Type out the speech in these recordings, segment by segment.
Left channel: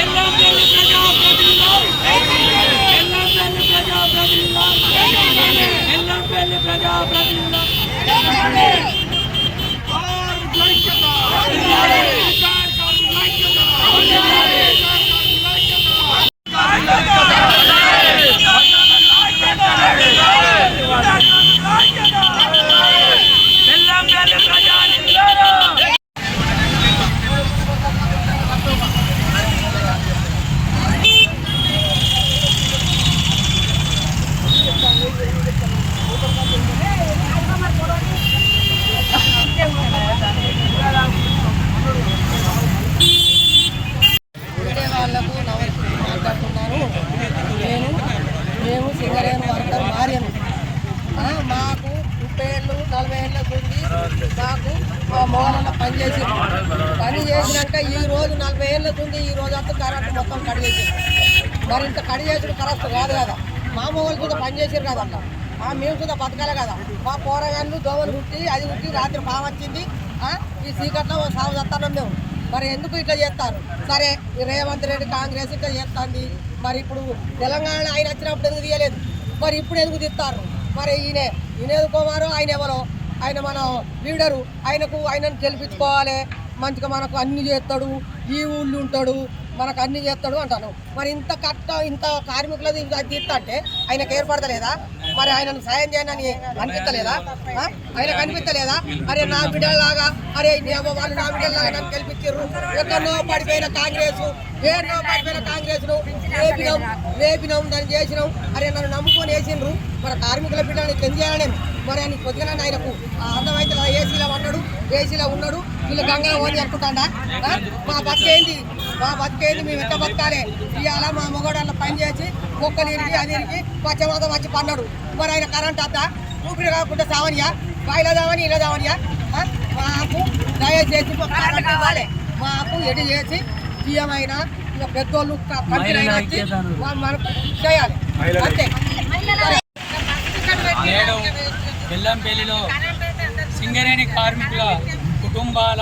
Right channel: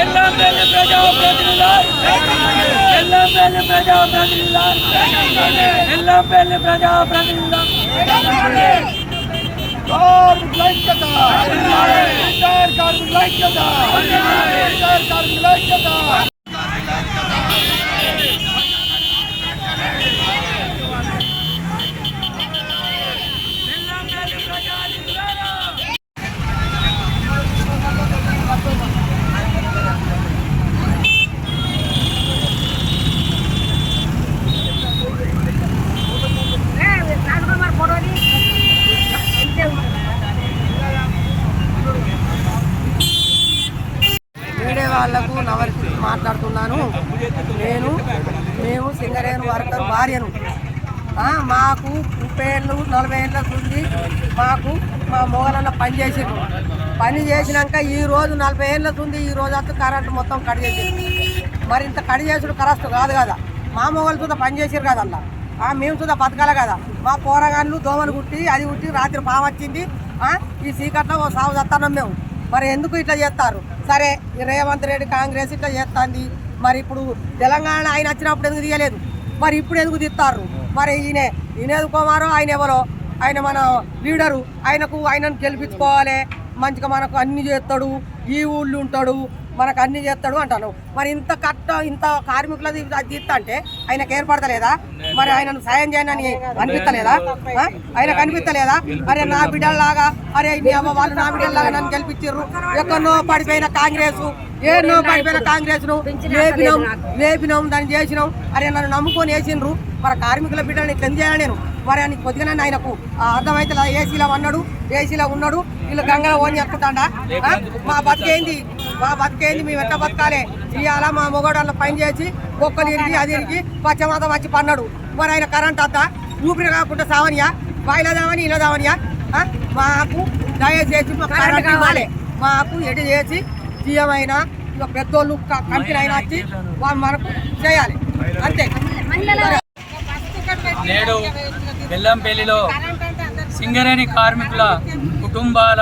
ఎల్లంపల్లి ప్రజాప్రతినిధుల ఎల్లంపల్లి ప్రజాప్రతినిధుల ఎల్లంపల్లి ప్రజాప్రతినిధుల కార్మికుల ఐక్యత కార్మికుల ఐక్యత కార్మికుల ఐక్యత మేము సింగరేణు వర్కర్ భార్యను. మాకు ముప్పై ఏళ్ళు నలభై ఏళ్ళకు ఉంది మాకు మా మొగలన్న పని చేసింది పని చేసినాక ఈ రోజు నలభై ఏళ్ళకు ఉంది ఈ రోజు అంతా కరెంట్ మొత్తం కట్ చేసింది మరి ఇంత కట్ చేసుడు కరస్తు కాదు కదా. మా మొగలు చూద్దా పని చేసారు కదా అలా ఆ, మేము చూద్దా బతకాలి కదా. మా పోరగాళ్ళు దోమలు కుట్టి అది కుట్టి రాత్రి పాము వచ్చింది. ఈ సీకట్లో ఓ సాగు చస్తానం మేము. మరి ఎందుకు ఇట్లా చేస్తారు? సరే రేవంత్ రెడ్డి కాంగ్రెస్ ఇట్లా చేస్తుంది. మరి ఇప్పుడు తెలంగాణ ఆయన వచ్చినప్పుడు ఎందుకు తీయలేదు? మరి ఇప్పుడు ఎందుకు తీస్తారు? మరి ఈయన ఈయన ఎదుకోమారో ఆయన ఎవరో? ఆయన మన లీడరు ఆయనకు ఆయనను గెలిపించుకోవాలి. మంచిగా మనకు అన్ని చేస్తాడు ఈ ఊళ్ళు ఉంటాడు మనకు అన్ని చేస్తాడు అంటాను. మరి ఇంత కట్ట ఇంత కార్మికులది తీస్తా అంటే ఆయనకు ఏర్పడతలేదా? మరి ఆయనను సాయం చేయనని అనిపిస్తలేదా ఆ? కనిపిస్తలేదా? అరే నా బిడ్డలాగా అరే వాళ్ళు నా బిడ్డలాగా నన్ను గెలిపించారు ఎక్కడో పడిపోయిన కాంగ్రెస్ ఏనో పడిపోయిన కాంగ్రెస్ను లేపినాం లేపినాం దాన్ని చేసినాం. అరే నన్ను నమ్ముకొని వేసిండ్రు మరి కార్మికుల బిడ్డని ఇట్లా చేయాలి నేను? మరి అని కొద్దిగా ఆయనకు ఆ అర్థమైతే ఏసీలో ఉన్నాడు ఏసీలో ఉన్నాడు వీళ్ళు గంగలో ఓని అనుకుంటాడా ఆ? మా బతికేంది? మా బతికేంది? మేము ఎట్ట బతకాలి? ఇవాళ మా మొగోడల్లో పని చేసి మొక్కలు ఇరిగి అది ఇరిగి పచ్చమాతం వచ్చి పన్నాడు. మరి ఆయన కరెంట్ అత్త ఊపిరి కాకుండా సావనియా? బాయిలో దావని ఇలా దావనియా? మాకు దయచేసి కరెంట్ ఇవ్వాలి. మాకు ఎటు చేసి సీఎం అయినా ఇక పెద్దోళ్ళు కంపెనీ అయినా వచ్చి వాళ్ళు మనకు చేయాలి. అంతే. నేడు బెల్లంపల్లిలో సింగరేణి కార్మికుల కుటుంబాల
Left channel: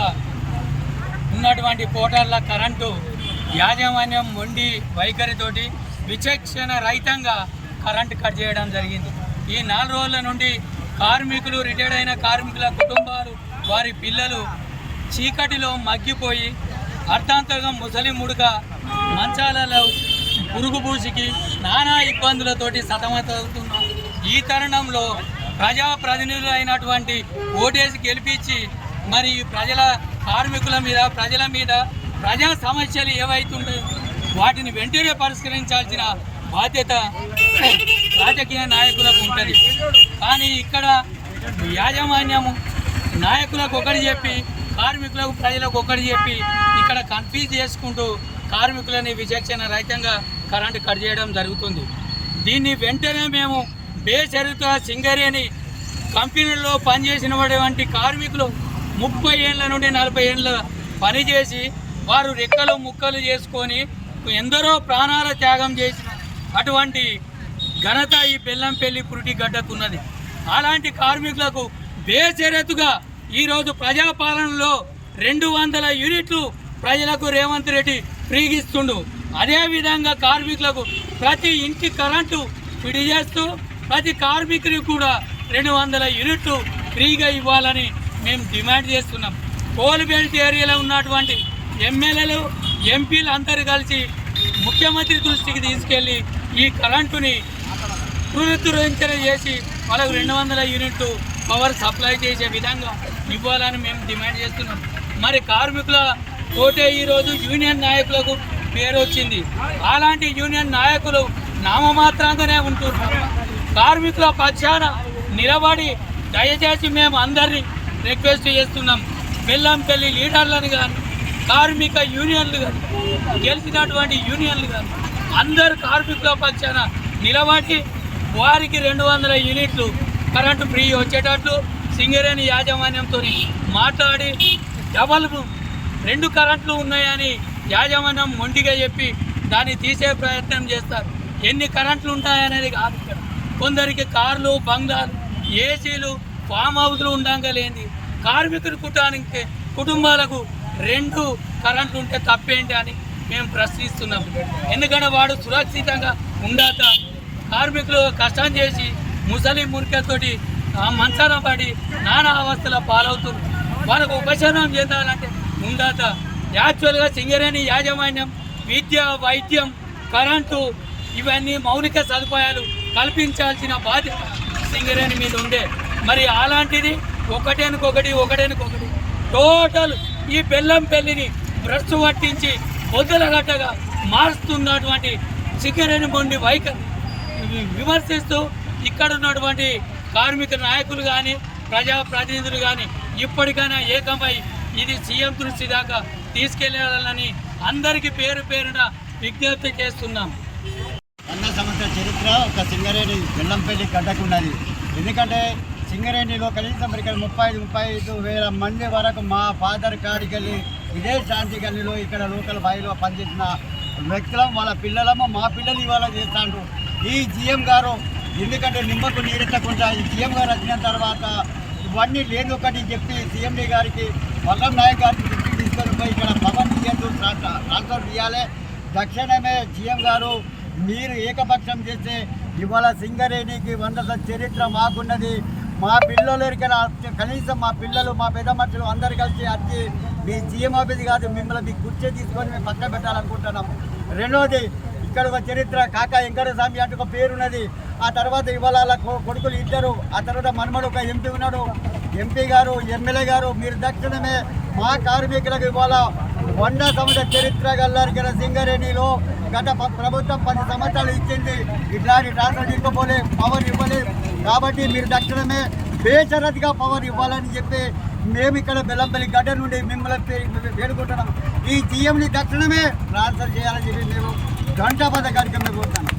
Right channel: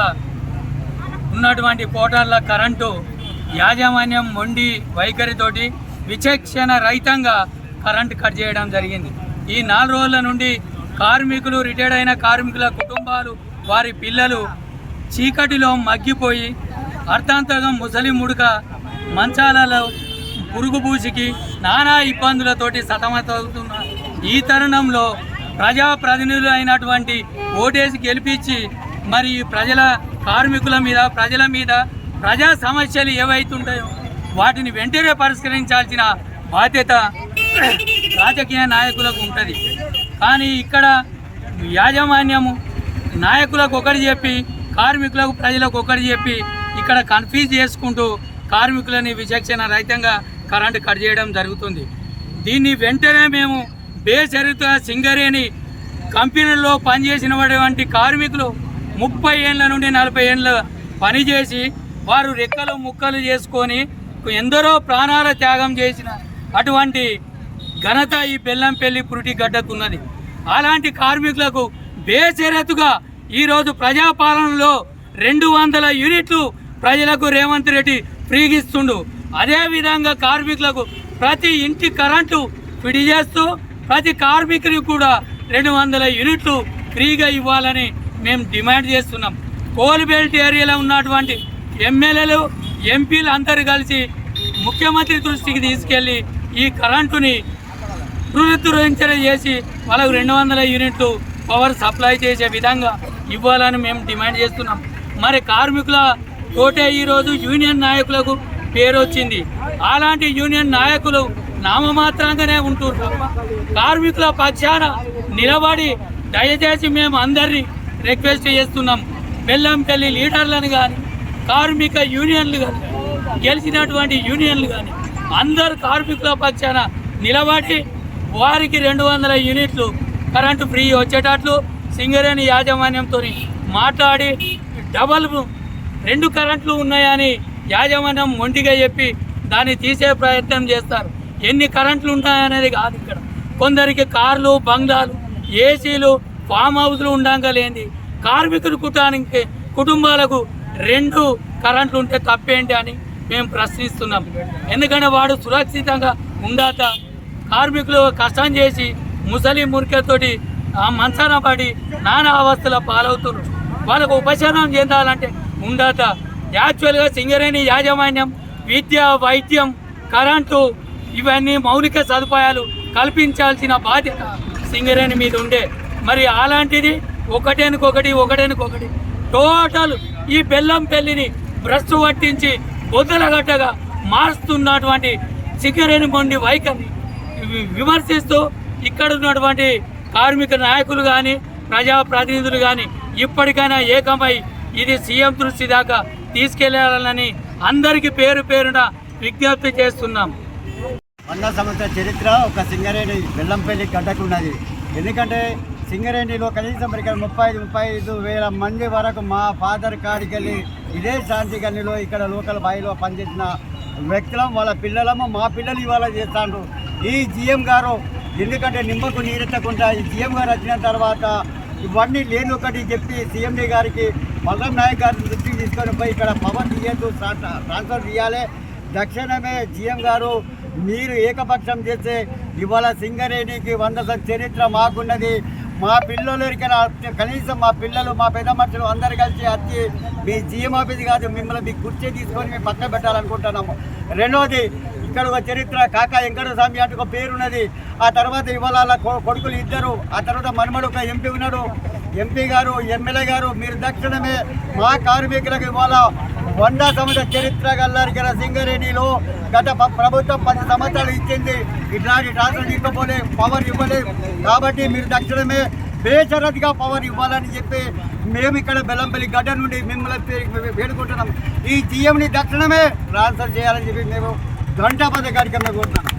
ఉన్నటువంటి పోటార్ల కరెంటు యాజమాన్యం మొండి వైఖరితోటి విచక్షణ రహితంగా కరెంటు కట్ చేయడం జరిగింది. ఈ నాలుగు రోజుల నుండి కార్మికులు రిటైర్డ్ అయిన కార్మికుల కుటుంబాలు వారి పిల్లలు చీకటిలో మగ్గిపోయి అర్థాంతరంగా ముసలి ముడుక మంచాలలో పురుగుపూసికి నానా ఇబ్బందులతోటి సతమతవుతున్న ఈ తరుణంలో ప్రజాప్రతినిధులు అయినటువంటి ఓటేసి గెలిపించి మరి ఈ ప్రజల కార్మికుల మీద ప్రజల మీద ప్రజా సమస్యలు ఏవైతుంటాయో వాటిని వెంటనే పరిష్కరించాల్సిన బాధ్యత రాజకీయ నాయకులకు ఉంటుంది. కానీ ఇక్కడ యాజమాన్యము నాయకులకు ఒకటి చెప్పి కార్మికులకు ప్రజలకు ఒకటి చెప్పి ఇక్కడ కన్ఫ్యూజ్ చేసుకుంటూ కార్మికులని విచక్షణ రహితంగా కరెంటు కట్ చేయడం జరుగుతుంది. దీన్ని వెంటనే మేము బేసరిత సింగరేణి కంపెనీలో పనిచేసినటువంటి కార్మికులు ముప్పై ఏళ్ళ నుండి నలభై ఏళ్ళ పనిచేసి వారు రెక్కలు ముక్కలు చేసుకొని ఎందరో ప్రాణాల త్యాగం చేసిన అటువంటి ఘనత ఈ బెల్లంపల్లి పురిటి గడ్డకున్నది. అలాంటి కార్మికులకు బేషరతుగా ఈరోజు ప్రజాపాలనలో రెండు వందల యూనిట్లు ప్రజలకు రేవంత్ రెడ్డి ఫ్రీగిస్తుండు. అదేవిధంగా కార్మికులకు ప్రతి ఇంటి కరెంటు ఫిడి చేస్తూ ప్రతి కార్మికుని కూడా రెండు వందల యూనిట్లు ఫ్రీగా ఇవ్వాలని మేము డిమాండ్ చేస్తున్నాం. కోల్ బెల్ట్ ఏరియాలో ఉన్నటువంటి ఎమ్మెల్యేలు ఎంపీలు అందరు కలిసి ముఖ్యమంత్రి దృష్టికి తీసుకెళ్ళి ఈ కరెంటుని పునరుద్ధరించన చేసి వాళ్ళకు రెండు వందల యూనిట్లు పవర్ సప్లై చేసే విధంగా ఇవ్వాలని మేము డిమాండ్ చేస్తున్నాం. మరి కార్మికుల తోటే ఈరోజు యూనియన్ నాయకులకు పేరు వచ్చింది. అలాంటి యూనియన్ నాయకులు నామమాత్రంగానే ఉంటున్నారు. కార్మికుల పక్షాన నిలబడి దయచేసి మేము అందరినీ రిక్వెస్ట్ చేస్తున్నాం. బెల్లంపల్లి లీడర్లను కానీ కార్మిక యూనియన్లు కానీ గెలిచినటువంటి యూనియన్లు కానీ అందరు కార్మికుల పక్షాన నిలబడి వారికి రెండు వందల యూనిట్లు కరెంటు ఫ్రీ వచ్చేటట్లు సింగరేణి యాజమాన్యంతో మాట్లాడి డబల్ రెండు కరెంట్లు ఉన్నాయని యాజమాన్యం మొండిగా చెప్పి దాన్ని తీసే ప్రయత్నం చేస్తారు. ఎన్ని కరెంట్లు ఉంటాయనేది కాదు ఇక్కడ. కొందరికి కార్లు బంగ్లాలు ఏసీలు ఫామ్ హౌస్లు ఉండంగా లేని కార్మికుల కుటానికి కుటుంబాలకు రెండు కరెంట్లు ఉంటే తప్పేంటి అని మేము ప్రశ్నిస్తున్నాం. ఎందుకంటే వాడు సురక్షితంగా ఉండాట కార్మికులు కష్టం చేసి ముసలి మురికతోటి ఆ మంచాన పడి నానా అవస్థల పాలవుతున్నారు. వాళ్ళకు ఉపశమనం చెందాలంటే ఉందాత యాక్చువల్గా సింగరేణి యాజమాన్యం విద్య వైద్యం కరెంటు ఇవన్నీ మౌలిక సదుపాయాలు కల్పించాల్సిన బాధ్యత సింగరేణి మీద ఉండే. మరి అలాంటిది ఒకటేనికొకటి ఒకటేనికొకటి టోటల్ ఈ బెల్లం పెళ్ళిని భ్రష్టు పట్టించి బొద్దులగట్టగా మారుస్తున్నటువంటి సింగరేణి మొండి వైఖరి. విమర్శిస్తూ ఇక్కడ ఉన్నటువంటి కార్మిక నాయకులు కానీ ప్రజాప్రతినిధులు కానీ ఇప్పటికైనా ఏకమై ఇది సీఎం దృష్టి దాకా తీసుకెళ్ళాలని అందరికీ పేరు పేరున విజ్ఞప్తి చేస్తున్నాం. వంద సంవత్సరాల చరిత్ర ఒక సింగరేణి బెల్లంపల్లి గడ్డకున్నది ఎందుకంటే సింగరేణిలో కనీసం ఇక్కడ ముప్పై ఐదు ముప్పై ఐదు వేల మంది వరకు మా ఫాదర్ కాడికెళ్ళి ఇదే శాంతి గనిలో ఇక్కడ లోకల్ బాయిలో పనిచేసిన వ్యక్తులం వాళ్ళ పిల్లలము మా పిల్లలు ఇవాళ చేస్తాండ్రు. ఈ జిఎం గారు ఎందుకంటే నిమ్మకు నీరెత్తకుండా ఈ జిఎం గారు వచ్చిన తర్వాత ఇవన్నీ లేని ఒకటి చెప్పి సీఎండీ గారికి పల్లం నాయక్ గారిని దృష్టికి తీసుకొని పోయి ఇక్కడ పవన్ తీయద్దు ట్రాన్స్ఫర్ చేయాలి తక్షణమే జిఎం గారు మీరు ఏకపక్షం చేస్తే ఇవాళ సింగరేణికి వంద చరిత్ర మాకున్నది. మా పిల్లలు కనీసం మా పిల్లలు మా పెద్ద మనుషులు అందరు కలిసి వచ్చి మీ జిఎం ఆఫీస్ కాదు మిమ్మల్ని మీ కుర్చీ తీసుకొని మేము పక్కన పెట్టాలనుకుంటున్నాము. రెండోది ఇక్కడ ఒక చరిత్ర కాక వెంకట స్వామి అంటే ఒక పేరున్నది. ఆ తర్వాత ఇవాళ కొ- కొడుకులు ఇద్దరు ఆ తర్వాత మనమడు ఒక ఎంపీ ఉన్నాడు. ఎంపీ గారు ఎమ్మెల్యే గారు మీరు దక్షిణమే మా కార్మికులకు ఇవాళ వంద సంవత్సర చరిత్ర గల్లారికర సింగరేణిలో గత ప్రభుత్వం పది సంవత్సరాలు ఇచ్చింది. ఇట్లాంటి ట్రాన్స్ఫర్ ఇవ్వబోలే పవర్ ఇవ్వలేదు కాబట్టి మీరు దక్షిణమే బేషరత్గా పవర్ ఇవ్వాలని చెప్పి మేము ఇక్కడ బెల్లంపల్లి గడ్డ నుండి మిమ్మల్ని వేడుకుంటున్నాం. ఈ సీఎంని దక్షిణమే ట్రాన్స్ఫర్ చేయాలని చెప్పి మేము ఘంటాపద కార్యక్రమం కోరుతున్నాం